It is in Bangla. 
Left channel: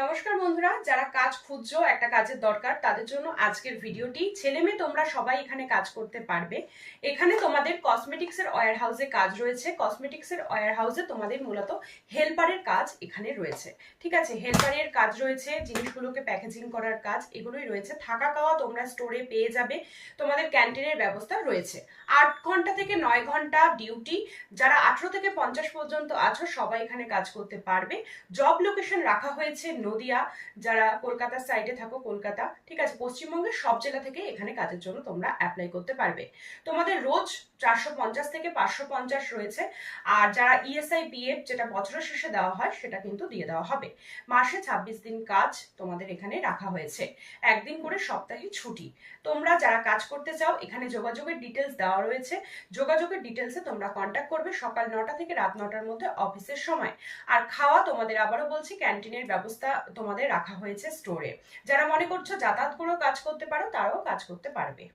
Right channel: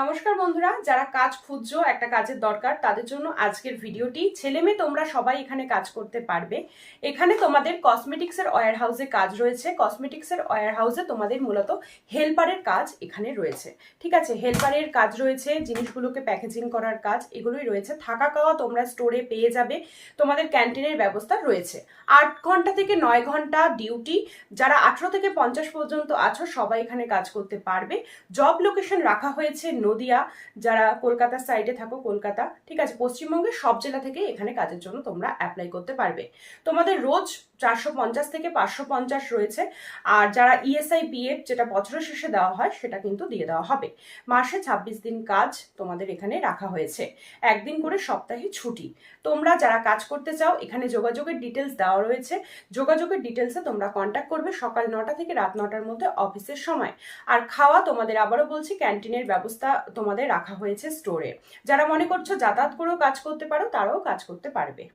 নমস্কার বন্ধুরা, যারা কাজ খুঁজছো, একটা কাজের দরকার, তাদের জন্য আজকের ভিডিওটি। ছেলে মেয়ে তোমরা সবাই এখানে কাজ করতে পারবে। এখানে তোমাদের কসমেটিক্সের ওয়্যার হাউসে কাজ রয়েছে। কসমেটিক্সের ওয়্যার হাউসে তোমাদের মূলত হেল্পারের কাজ এখানে রয়েছে। ঠিক আছে, হেল্পারের কাজ রয়েছে, জিনিসগুলোকে প্যাকেজিং করার কাজ, এগুলোই রয়েছে। থাকা খাওয়া তোমরা স্টোরে পেয়ে যাবে। তোমাদের ক্যান্টিনের ব্যবস্থা রয়েছে। 8 ঘন্টা থেকে 9 ঘন্টা ডিউটি। যারা 18 থেকে 50 পর্যন্ত আছো সবাই এখানে কাজ করতে পারবে। জব লোকেশন রাখা হয়েছে নদিয়া। যারা কলকাতার সাইডে থাকো, কলকাতা, ঠিক আছে, পশ্চিমবঙ্গের সব জেলা থেকে এখানে কাজের জন্য তোমরা অ্যাপ্লাই করতে পারবে। তোমাদের রোজ 450 থেকে 550 রয়েছে। আর যারা ইএসআই পিএফ, যেটা বছরের শেষে দেওয়া হয়, সেটা কিন্তু দিয়ে দেওয়া হবে। মাসে 26 দিন কাজ তোমাদের এখানে রাখা হয়েছে। একদিন করে সপ্তাহে ছুটি। তোমরা যারা কাজ করতে চাও, এখানে যোগাযোগের ডিটেলস দেওয়া রয়েছে। যোগাযোগের ডিটেলসে তোমরা কন্ট্যাক্ট করবে সকাল 9টা থেকে রাত 9টার মধ্যে অফিসের সময়। আর খাওয়া তোমাদের, আবারও বলছি, ক্যান্টিনের ব্যবস্থা তোমাদের রাখা হয়েছে স্টোরে। যারা মনে করছো যাতায়াত করেও কাজ করতে পারো, তারাও কাজ করতে পারবে।